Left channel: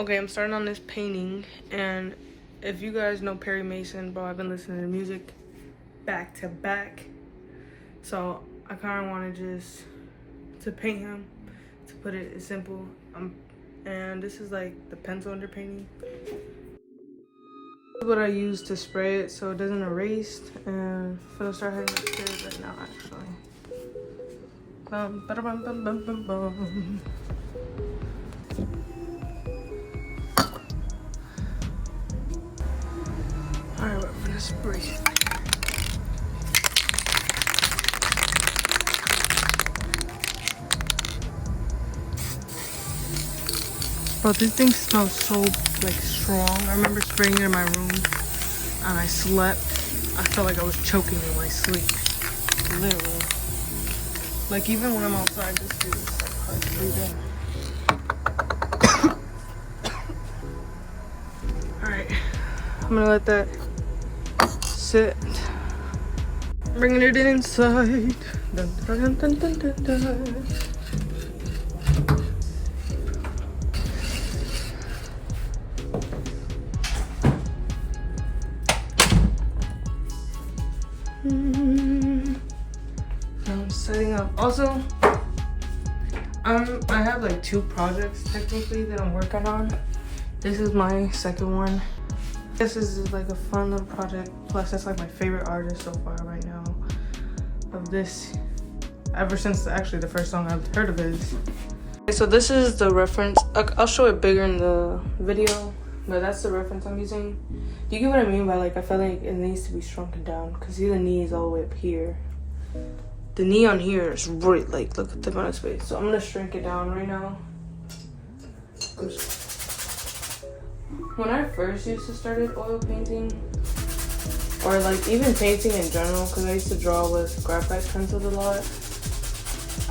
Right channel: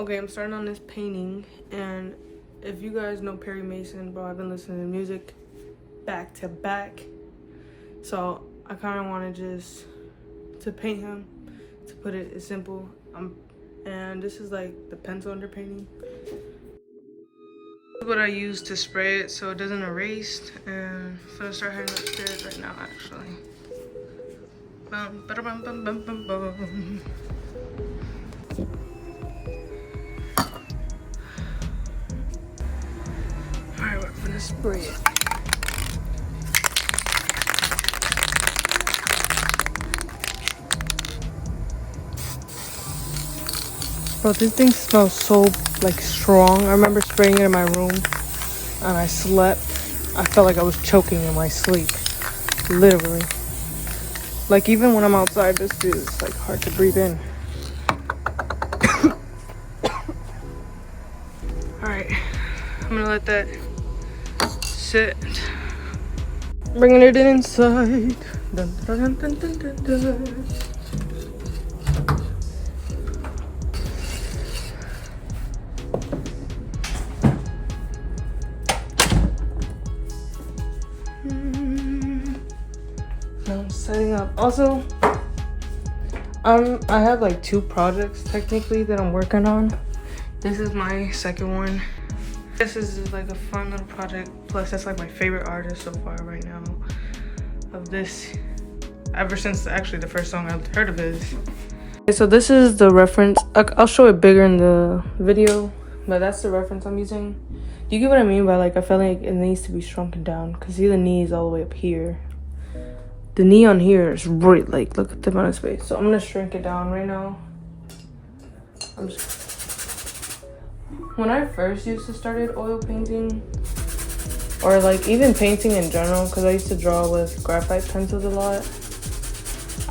Okay, I'm starting on this painting, and if you guys know Perry Mason, bro, I've been listening to music back to back. So I kind of want to just to paint him, to put it simple. And this is like the pencil underpainting. This is what I use to spray it so it doesn't erase. And I'm gonna start heading upstairs right now, actually. Bum, ba-da-bum, bum, bum, bum, bum. Alright, we're gonna spray it. Bro, this thing smells so like strong. I remember spraying it in my room and I slept. I felt like I was choking in my sleep. Literally. Like even when I'm outside, this dude is like hard to breathe in. Alright, I'm gonna let that sit. Bringing it inside. Dun, dun, dun, dun, dun, dun. Now I'm setting up. Also, I have like 2 projects technically that I'm working on. This is my second one. This is like a fun little project. Plus, that's like my favorite artist so far right now. Of this, ever since actually the first song I've heard of his. Okay, so this is the reference. I'll show it bigger in the video, but that's the reference I'm using. Do you get what I mean by like I feel like it needs to be shrunken down? Cause see the knee is all the way up here. The knee on here is right, like look at the amount of space. So I'm gonna shrink it down right now. When I first used to started oil painting, or like even painting in general, because I used to draw with graphite pencils a lot,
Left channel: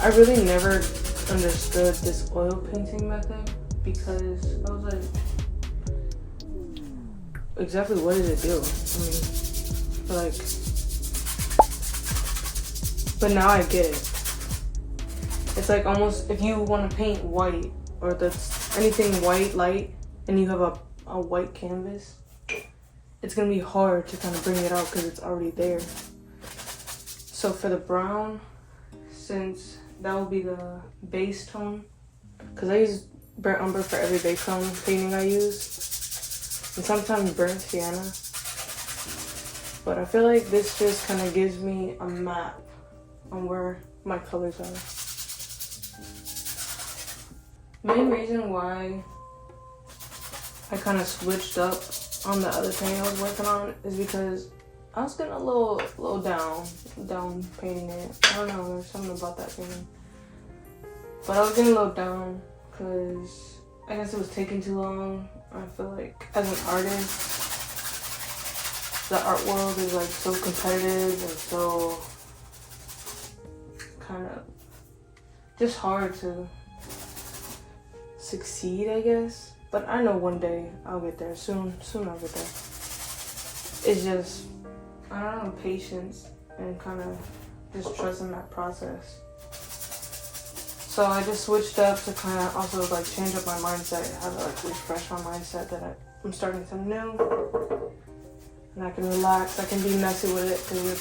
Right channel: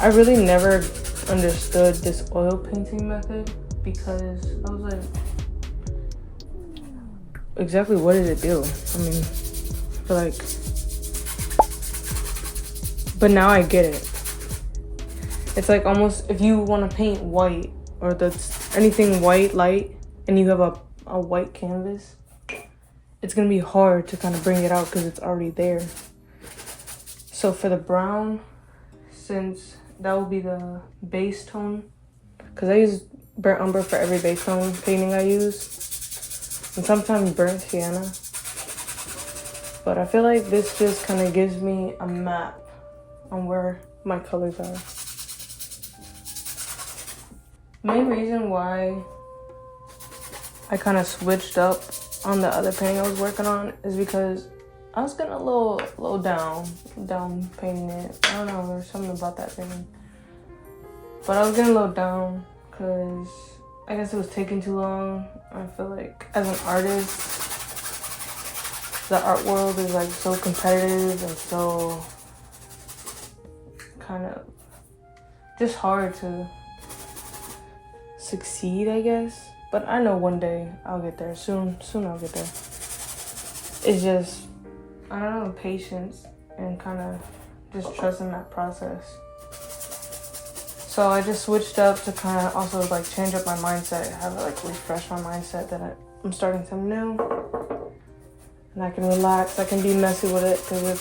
I really never understood this oil painting method because I was like, exactly what did it do? I mean, like, but now I get it. It's like almost if you want to paint white or that's anything white, light, and you have a white canvas, it's gonna be hard to kind of bring it out because it's already there. So for the brown, since that will be the base tone, because I use burnt umber for every base tone painting I use, and sometimes burnt sienna. But I feel like this just kind of gives me a map on where my colors are. The main reason why I kind of switched up on the other painting I was working on is because I was getting a little down painting it. I don't know, there's something about that painting. But I was getting a little down because I guess it was taking too long. I feel like as an artist, the art world is like so competitive and so kind of just hard to succeed, I guess. But I know one day I'll get there. Soon I'll get there. It's just, I don't know, patience and kind of just trusting that process. So I just switched up to kind of also like change up my mindset, have it like refresh my mindset that I'm starting something new. And I can relax, I can be messy with it because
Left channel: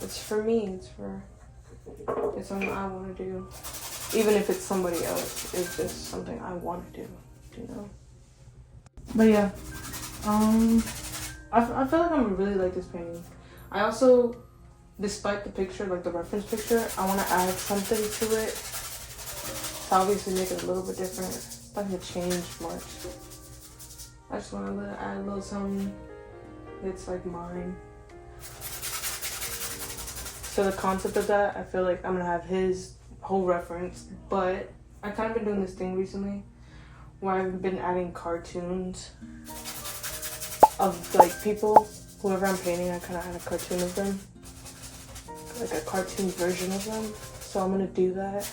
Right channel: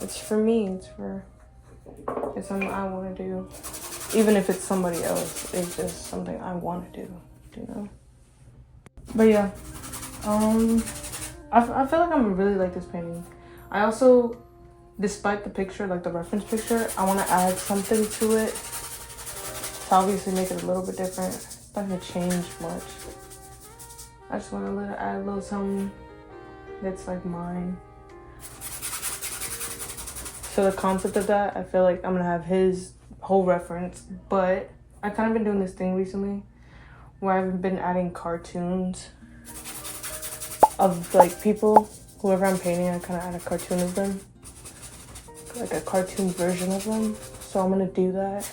it's for me, it's something I want to do. Even if it's somebody else, it's just something I want to do, you know? But yeah, I feel like I'm really like this painting. I also, despite the picture, like the reference picture, I want to add something to it to obviously make it a little bit different. It's not gonna change much. I just want to add a little something that's like mine. So the concept of that, I feel like I'm gonna have his whole reference, but I kind of been doing this thing recently where I've been adding cartoons of like people, whoever I'm painting, I kind of add a cartoon of them, like a cartoon version of them. So I'm gonna do that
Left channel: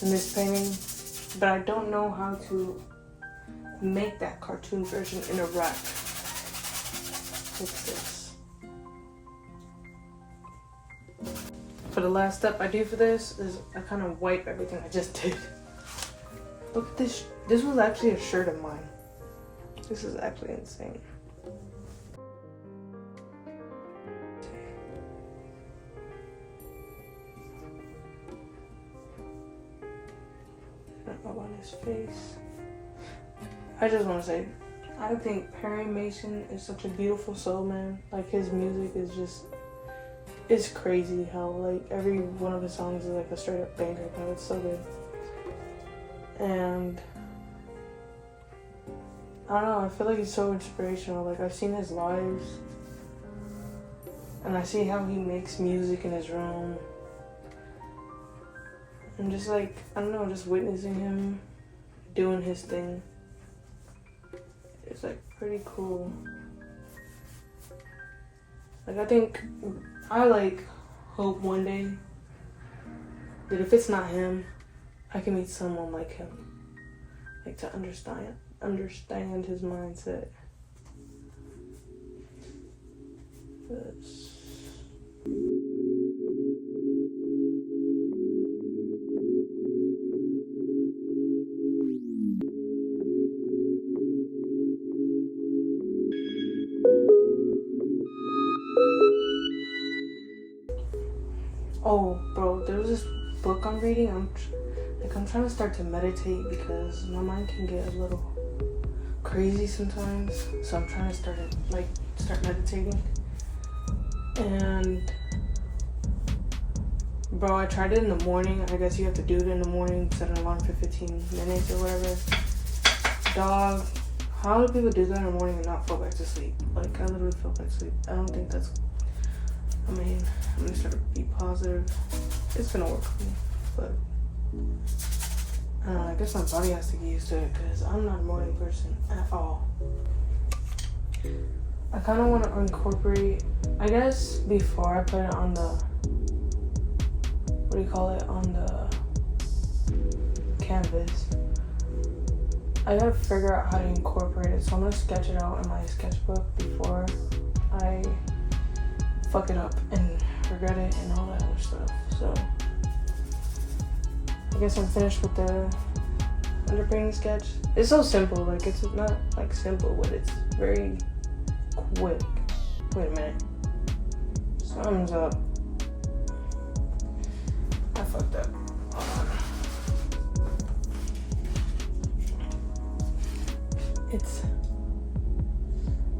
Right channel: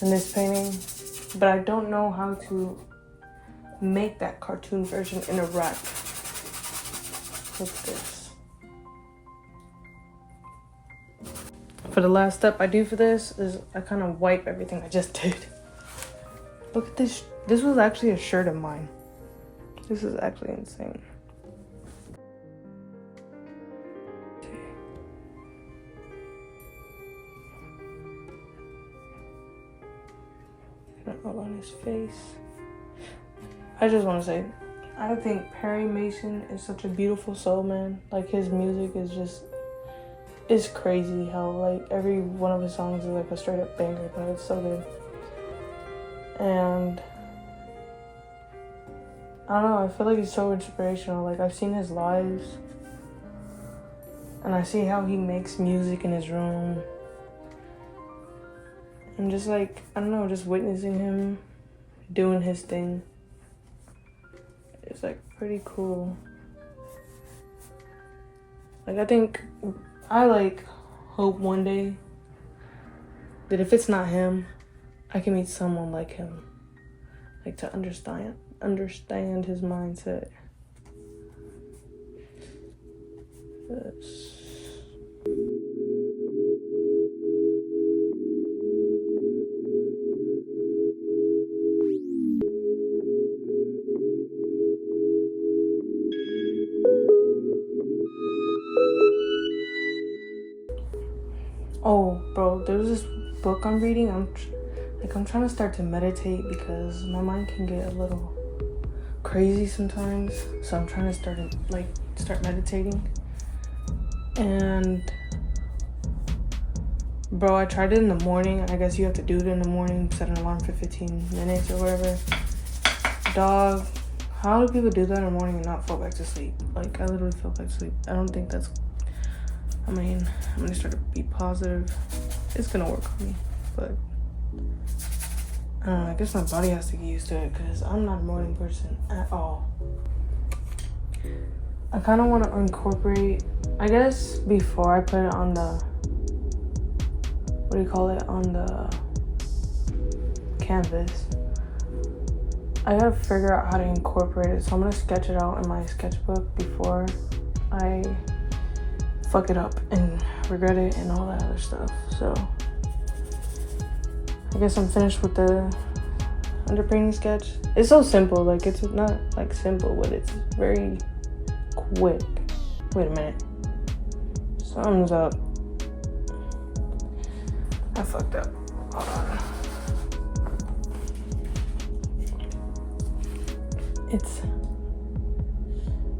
in this painting, but I don't know how to make that cartoon version in a wrap. What's this? For the last step I do for this is I kind of wipe everything I just did. Look at this. This was actually a shirt of mine. This is actually insane. All on his face. I just want to say, I think Perry Mason is such a beautiful soul, man. Like, his music is just, it's crazy how like every one of his songs is like a straight up banger, but it's so good. And I don't know, I feel like he's so inspirational. Like, I've seen his lives and I see how he makes music in his room. And just like, I don't know, just witnessing him doing his thing. It's like pretty cool. Like, I like hope one day that if it's not him, I can meet someone like him. Like, to understand his mindset. Yes. Oh, bro, there's this book I'm reading. I'm trying to start to meditate because my mind can get a little crazy sometimes. So I'm trying to start meditating. And bro, I tried it in the morning. I guess you have to do it in the morning, set an alarm for 15 minutes or whatever. Dog, how do people do that in the morning and not fall back to sleep? Like, I literally fell back to sleep. I don't think that's, I'm gonna start to be positive. It's gonna work for me, but I don't know, I guess my body has to get used to it because I'm not a morning person at all. I kind of want to incorporate, I guess before I put it on the, on the canvas, I gotta figure out how to incorporate it. So I'm gonna sketch it out in my sketchbook before I fuck it up and regret it and all that other stuff. So I guess I'm finished with the underpainting sketch. It's so simple, like it's not like simple, but it's very quick. Wait a minute. Something's up. I fucked up. Hold on. It's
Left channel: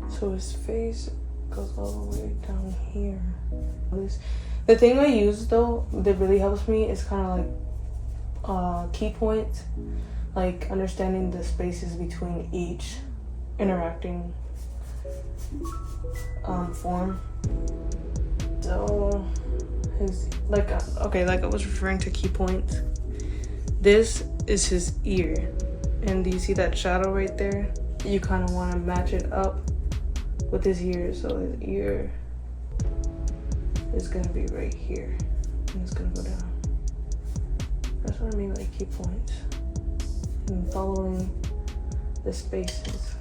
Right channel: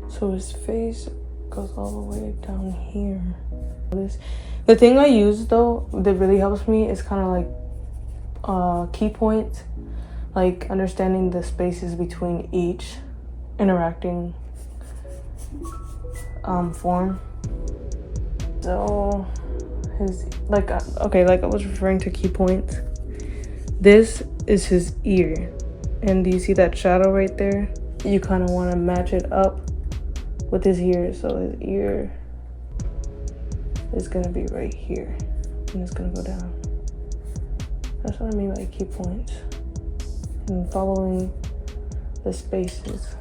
so his face goes all the way down here. The thing I use though that really helps me is kind of like key points, like understanding the spaces between each interacting form. So his like I was referring to key points. This is his ear, and do you see that shadow right there? You kind of want to match it up with his ear, so his ear is gonna be right here, and it's gonna go down. That's what I mean by key points. And following the spaces.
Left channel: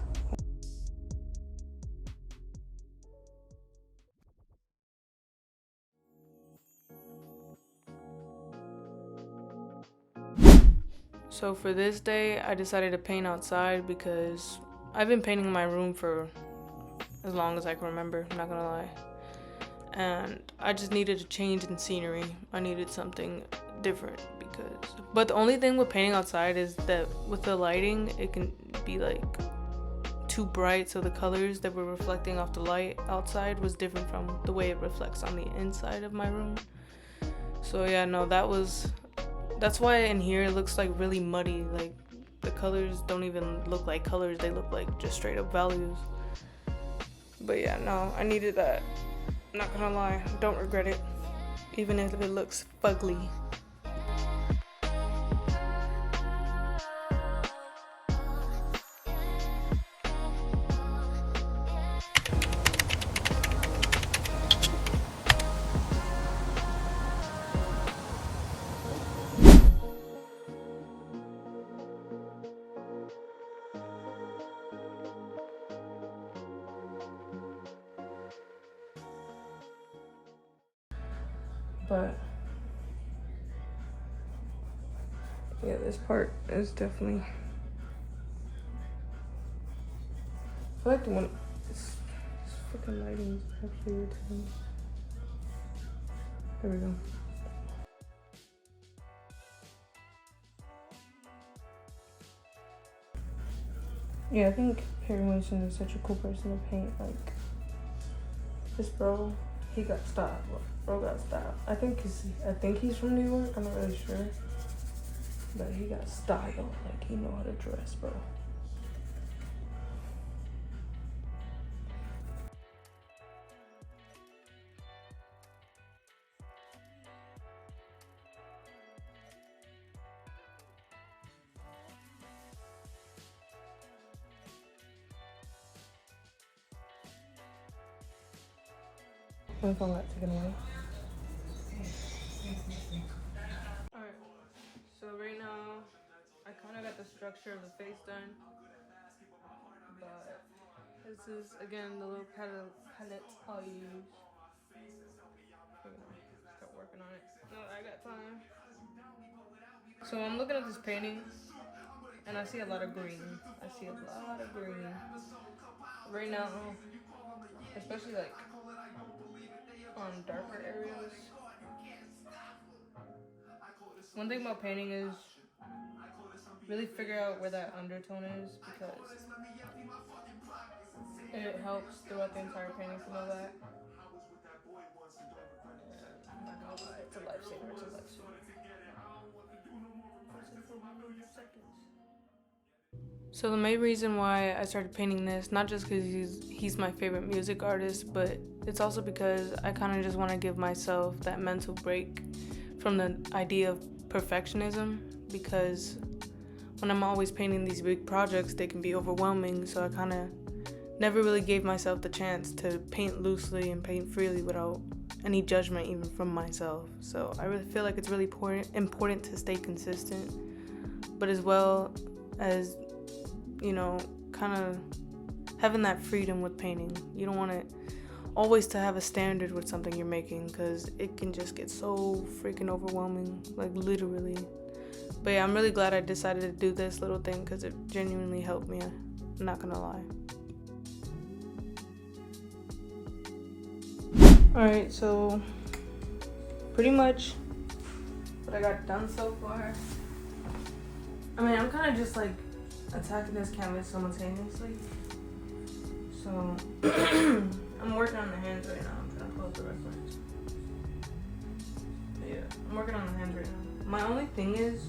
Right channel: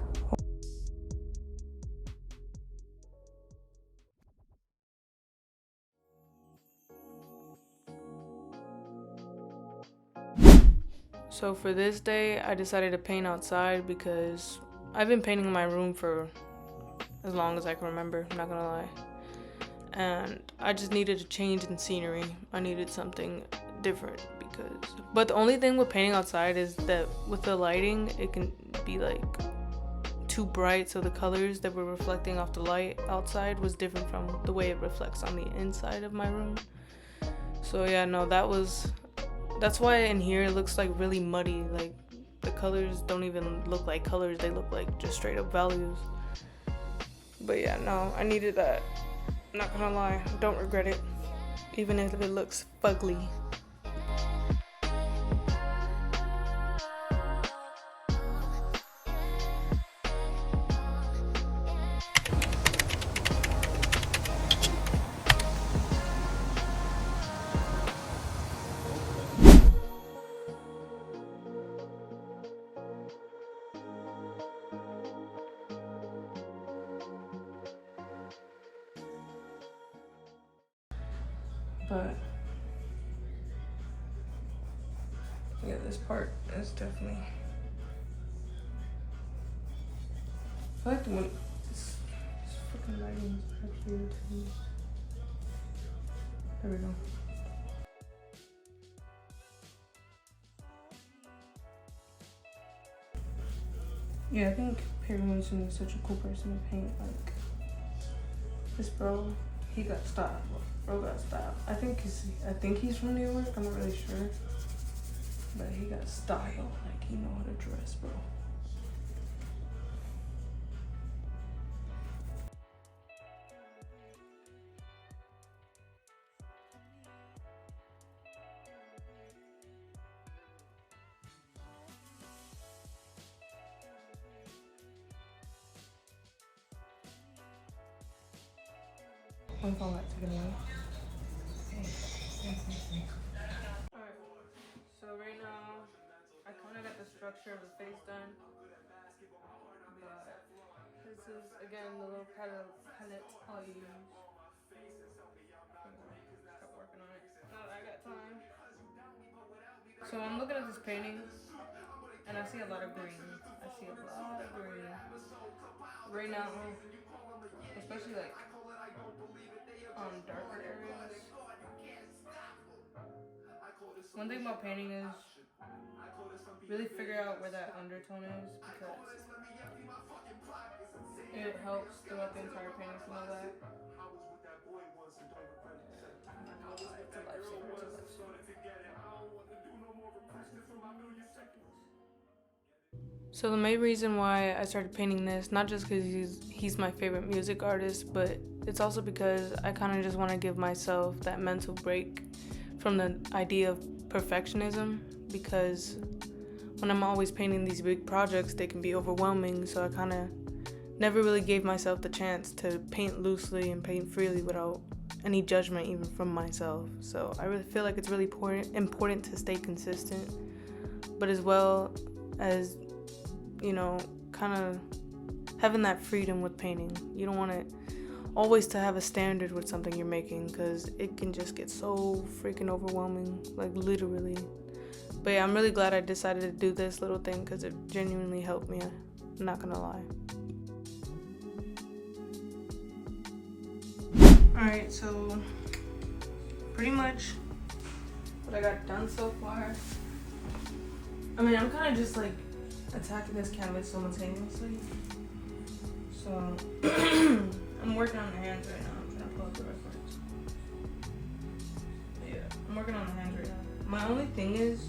So for this day, I decided to paint outside because I've been painting my room for as long as I can remember, I'm not gonna lie. And I just needed a change in scenery. I needed something different but the only thing with painting outside is that with the lighting, it can be like too bright, so the colors that were reflecting off the light outside was different from the way it reflects on the inside of my room. So yeah, no, that's why in here it looks like really muddy. Like the colors don't even look like colors, they look like just straight up values. But yeah, no, I needed that. I'm not gonna lie, don't regret it, even if it looks fugly. But Yeah, this part is definitely. I like the one. This freaking lighting is actually irritating. There we go. Yeah, I think Perry Maysun is such a cool person to paint. Like, this bro, he got style. Bro got style. I think he's from New York. I'm not really sure, but he got style. Like, he know how to dress, bro. My phone got taken away. Alright, so right now, I kind of got the structure of the face done. But this is, again, the little palette I'll use. Start working on it. Now that I got time. So I'm looking at this painting, and I see a lot of green. I see a lot of green. Right now, especially like on darker areas. One thing about painting is really figure out where that undertone is, because it helps throughout the entire painting to know that. It's a lifesaver, it's a lifesaver. So the main reason why I started painting this, not just because he's my favorite music artist, but it's also because I kind of just want to give myself that mental break from the idea of perfectionism, because when I'm always painting these big projects, they can be overwhelming, so I kind of never really gave myself the chance to paint loosely and paint freely without any judgment even from myself. So I really feel like it's really important to stay consistent, but as well as, you know, kind of having that freedom with painting. You don't want it always to have a standard with something you're making, because it can just get so freaking overwhelming, like literally. But yeah, I'm really glad I decided to do this little thing, because it genuinely helped me, I'm not gonna lie. Alright, so pretty much what I got done so far. I mean, I'm kind of just like attacking this canvas simultaneously. So I'm working on the hands right now. I'm gonna pull up the reference. But yeah, I'm working on the hands right now. My only thing is,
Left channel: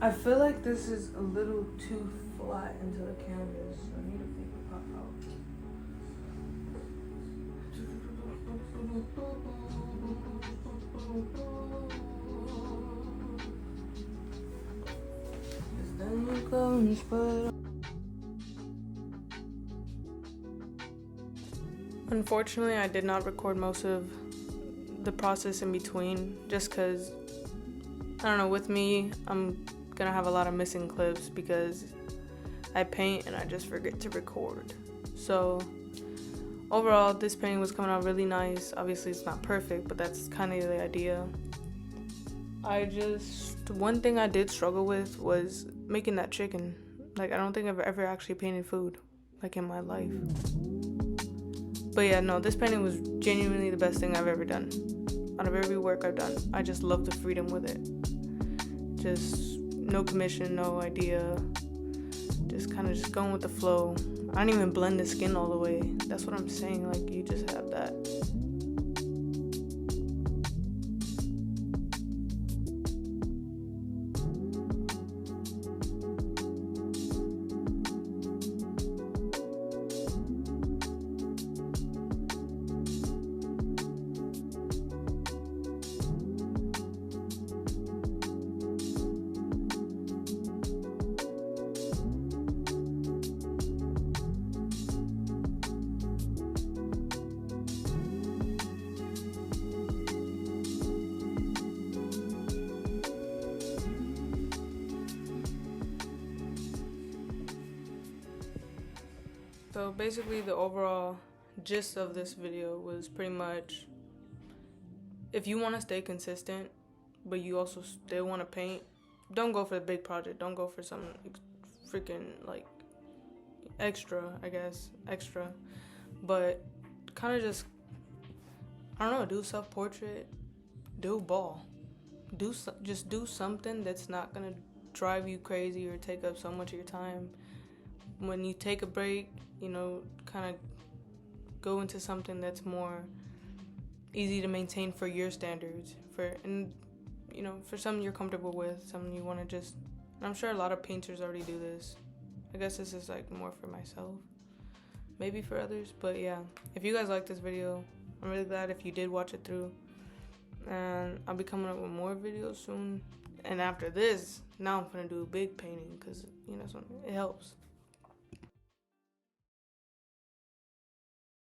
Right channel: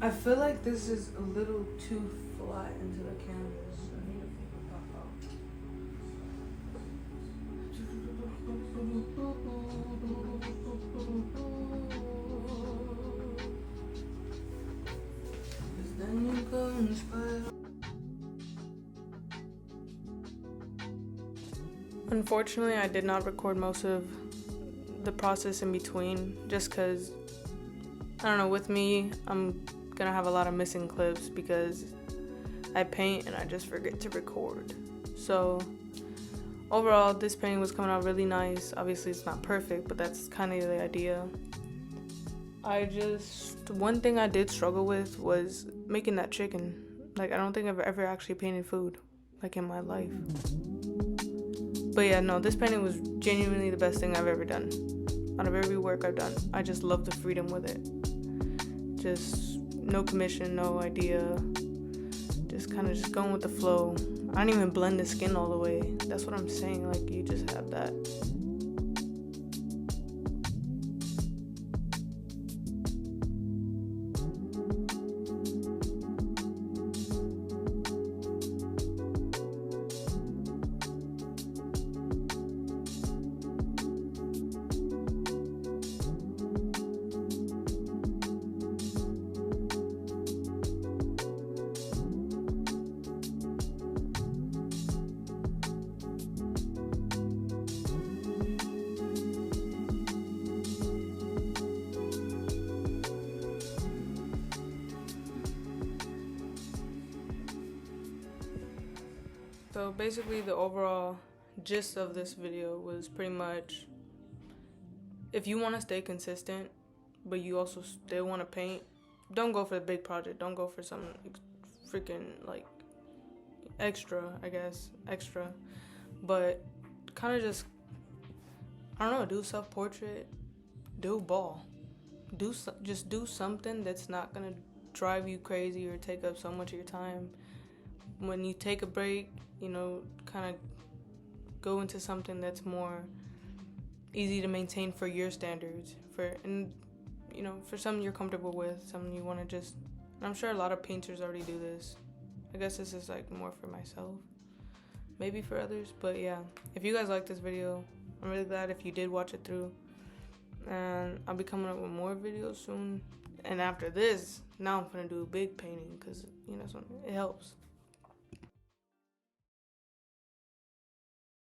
I feel like this is a little too flat into the canvas. I need to make it pop out. Then you go and spoil. Unfortunately, I did not record most of the process in between, just because, I don't know, with me, I'm gonna have a lot of missing clips because I paint and I just forget to record. So overall, this painting was coming out really nice. Obviously, it's not perfect, but that's kind of the idea. One thing I did struggle with was making that chicken. Like, I don't think I've ever actually painted food, like, in my life. But yeah, no, this painting was genuinely the best thing I've ever done. Out of every work I've done, I just love the freedom with it. Just no commission, no idea. Just kind of just going with the flow. I don't even blend the skin all the way. That's what I'm saying, like, you just have that. So basically the overall gist of this video was pretty much, if you want to stay consistent, but you also still want to paint, don't go for the big project. Don't go for some freaking like extra, I guess, extra. But kind of just, I don't know, do self-portrait, do ball. Just do something that's not going to drive you crazy or take up so much of your time. When you take a break, kind of go into something that's more easy to maintain for your standards, for something you're comfortable with, something you want to just, I'm sure a lot of painters already do this. I guess this is like more for myself, maybe for others, but yeah, if you guys like this video, I'm really glad if you did watch it through, and I'll be coming up with more videos soon. And after this, now I'm gonna do a big painting, because it helps.